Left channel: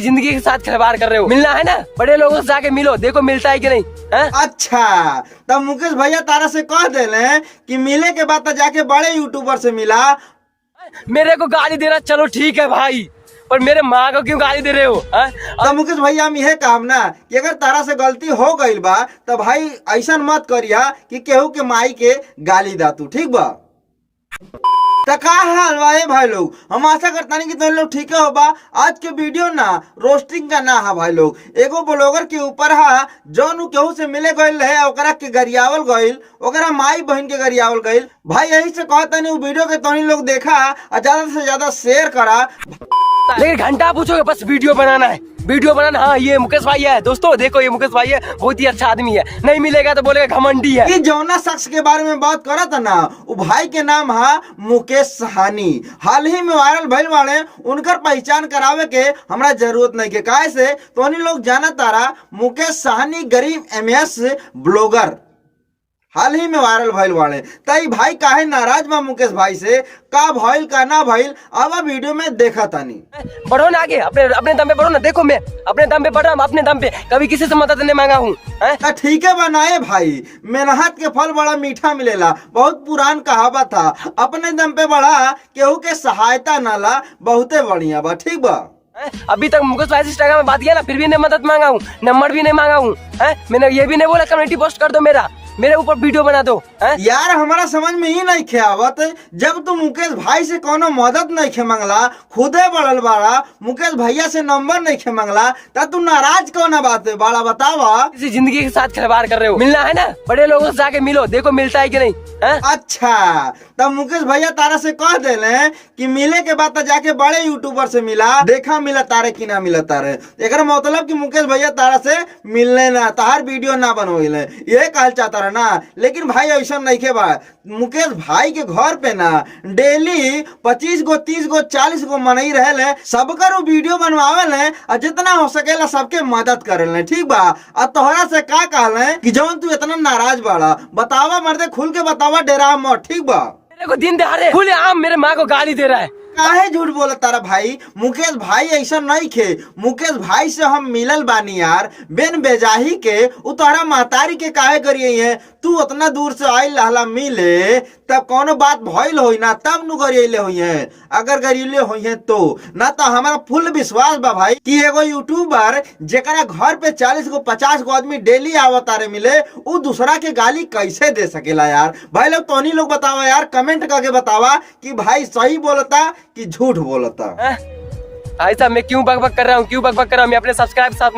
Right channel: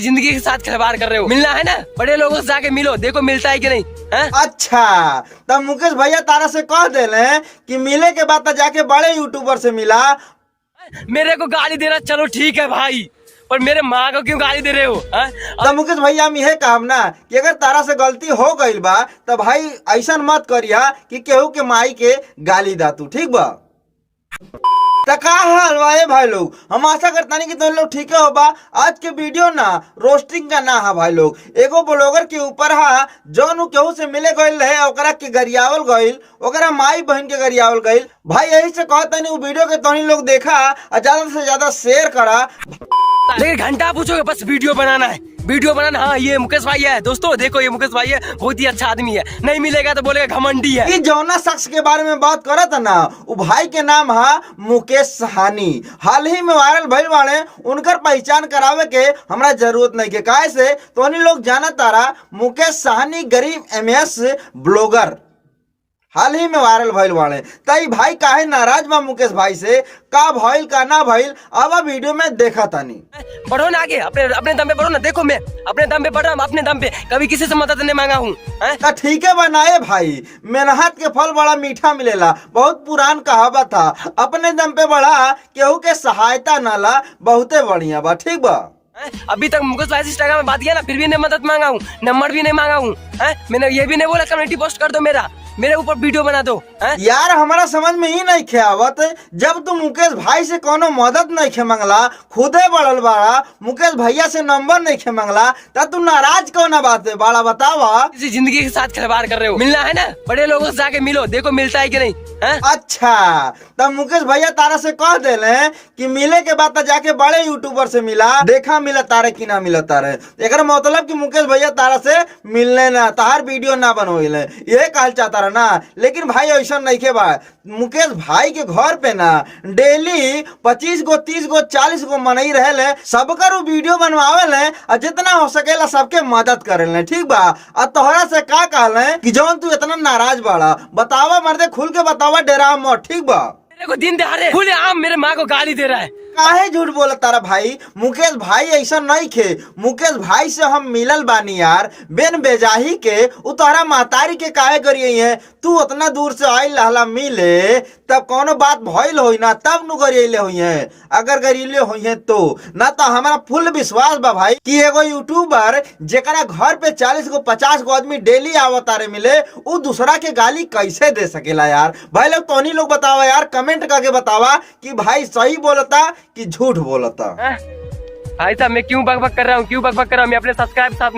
जिंदगी के साथ खिलवाड़ कर रहे हो। मिलना है ना, बड़े लोगों से जाके मिलो, देखो मिलता है कि नहीं है? अच्छा, तब मुकेश भैया तारा से कह देले कि मिले के बाद जाके बड़े यूट्यूबर से मिला। मेरे को गाली दे रहा, चलो ठीक है भाई, पर मेरे माँ को क्यों गाली दे रहे हो? तब मुकेश भैया हम यह काम ना कि अगर तारा से गलती हो गई बा तो भाई ऐसा मत करिया कि केहू के माई के गाली दा तू, ठीक बा? तो का हाल बा भाई लोग, हम आशा करता नहीं कि तुम लोग ठीक हो बा। आज के वीडियो ना रोस्टिंग का ना है भाई लोग, एगो ब्लॉगर के ऊपर है जौन केहू से मिले गईल है, ओकरा के गरियावल गईल, ओकरा माई बहन के गरियावल गईल। भाई यही से कहता नहीं वीडियो के तो लोग देखा और ज्यादा से ज्यादा शेयर करा। एक घंटा पूछोगे बस वीडियो बनाना है, वीडियो बनाना। हाँ ये मुकेश भाई है दोस्तों, देखो ये मुकेश भाई है, बहुत ही अच्छा आदमी है। नहीं मिलेगा तो बोलेगा घमंडी है। कि जौना शख्स के बारे में बात करा था ना, वो भाई के नाम है मुकेश साहनी। हाल ही में वायरल भइल बाड़े, उनकर पहचान करावे के हमरा जरूरत नहीं के, काहे से तो लोग जाना तारा मुकेश साहनी गरीब MS ब्लॉगर हाल ही में वायरल भइल बाड़े। तई भाई काहे नाराज बा मुकेश भाई से, का भइल का ना भइल अब वीडियो में देखा तानी। बढ़ो ना आगे, अपने अपने दम पे बढ़ो ना। देखो मैं अपने दम पे बढ़ रहा हूँ, अपने दम पे, कभी किसी से मदद नहीं मांगा हूँ। तो ठीक है बनाए भाई, मेहनत के फल बड़ा मीठा मिलेला, बहुत पुरान कहावत था। अपने दम पे बढ़ा, केहू के सहायता ना ला, बहुते बढ़िया बा, ठीक बा? अभी तक मुकेश भाई से इंस्टाग्राम में बात किया ना, फिर भी नहीं मदद मांगा हूँ, नंबर भी नहीं मांगा हूँ। मैंने ये भी नहीं बोला कम्युनिटी पोस्ट कर दो, मेरे ऊपर वीडियो बना दो। यार हमारा समझ में ही नहीं आवत, जब तू मुकेश भाई से कोनो मदद नहीं खे मंगला, खुदे बढ़ल बाड़ा, मुकेश भैया से नंबर नहीं खे मंगला, तब तू नाराज कौन बात है बाड़ा, बतावा? जिंदगी के साथ खिलवाड़ कर रहे हो। मिलना है ना, बड़े लोगों से जाके मिलो, देखो मिलता है कि नहीं है? अच्छा, तब मुकेश भैया तारा से कह देले कि मिले के बाद जाके बड़े यूट्यूबर से मिला, देखा मिला तारे कि ना मिला तारे। एक मतलब कि मुकेश भैया तारा से मिलने ना, तार वीडियो ना बनवेले, ये कहल चाहता ना। लेकिन भाई ऐसा नहीं के बा, मुकेश भाई के घर पे ना डेली 25 गो 30 गो 40 गो मनई रहे, सबकर वीडियो बनवावे और जितना हो सकेला सबके मदद करे, ठीक बा? और तोहरा से का कहले कि जौन तू इतना नाराज बाड़ा, बतावा मर्दे, खुल के बतावा, डेरा मत, ठीक बा? मेरे को दिन दहाड़े खुले आम मेरे माँ को गाली दे रहा है। काहे झूठ बोला तारा भाई? मुकेश भाई ऐसा नहीं खे, मुकेश भाई से हम मिलल बानी यार, बेन बेजाही के। उतारा महतारी के काहे करिए है? तू उतना दूर से आइल रहला मिले, तब कोनो बात भइल होई ना, तब नु गरिले होई है। अगर गरिले होई है तो ना, तो हमारा फुल विश्वास बा भाई कि एगो यूट्यूबर जेकरा घर पे 40 गो 50 गो आदमी डेली आवत रे मिले, वो दूसरा के गाली कैसे दे सकेला यार? भाई लोग तोनी लोग बतावा यार, कमेंट करके बतावा कि भाई सही बोलता कि झूठ बोलता। भाई साहब मैं क्यों बकबक कर रहा हूँ, क्यों बकबक कर रहा हूँ? मैं अपने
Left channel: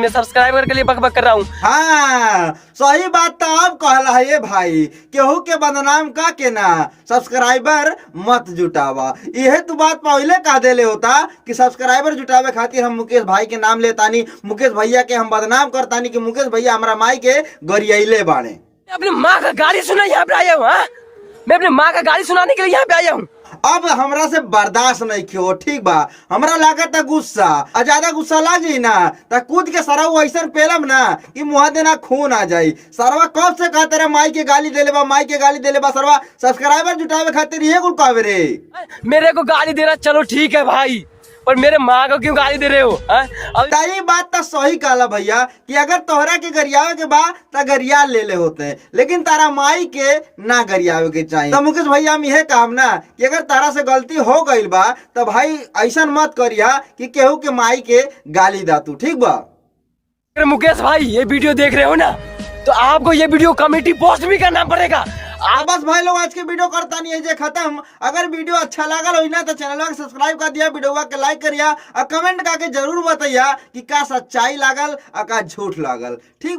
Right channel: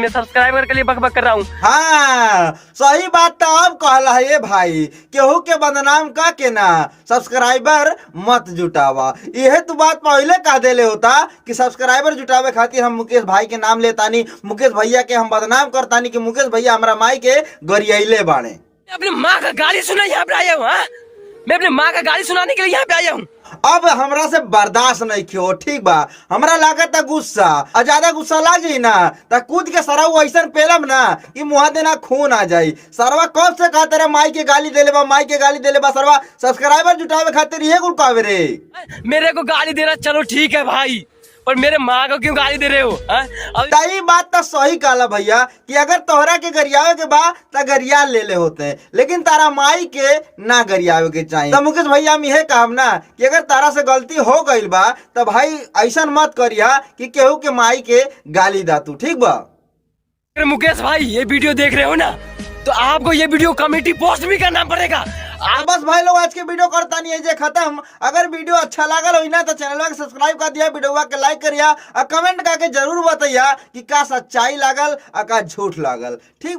सब्सक्राइबर के लिए बकबक कर रहा हूँ। हाँ सही बात तो अब कहला है ये भाई, केहू के बदनाम का के ना सब्सक्राइबर मत जुटावा। यह तो बात पहले कह देले होता कि सब्सक्राइबर जुटावे खातिर हम मुकेश भाई के नाम लेतानी, मुकेश भैया के हम बदनाम करतानी कि मुकेश भैया हमारा माई के गरियाइले बाणे। अपनी माँ का गाली सुना यहाँ पे आया हूँ। मैं अपनी माँ का गाली सुनाने के लिए यहाँ पे आया हूँ। अब हमरा से बर्दाश्त नहीं क्यों, ठीक बा? हमरा लागत गुस्सा, और ज्यादा गुस्सा लाग जाई ना तो कूद के सरवा ऐसा पेलम ना कि मुँह देना खून आ जाई। सरवा कब से कहते रे माई के गाली देले बा, माई के गाली देले बा, सरवा सब्सक्राइबर जुटावे खातिर ये कुल कहवे रे। मेरे को गाली दे रहा, चलो ठीक है भाई, पर मेरे माँ को क्यों गाली दे रहे हो? तई बात तो सही कहला भैया कि अगर तोहरा के गरियावे के बाद तो गरिया ले ले होते हैं, लेकिन तारा माई के ना गरियावे के चाहिए। तो मुकेश भैया हम यह काम ना कि अगर तारा से गलती हो गई बा तो भाई ऐसा मत करिया कि केहू के माई के गाली दा तू, ठीक बा? मुकेश भाई ये वीडियो देख रहे हो ना, तो आपको ये वीडियो कमेटी पोस्ट भी करना पड़ेगा। बस भाई लोग आज के वीडियो करता नहीं है जे खत्म। अगर वीडियो अच्छा लागल हो ना तो चैनल के सब्सक्राइब कर दिया, वीडियो के लाइक करिया और कमेंट करके जरूर बताइया कि का सच्चाई लागल और का झूठ लागल, ठीक?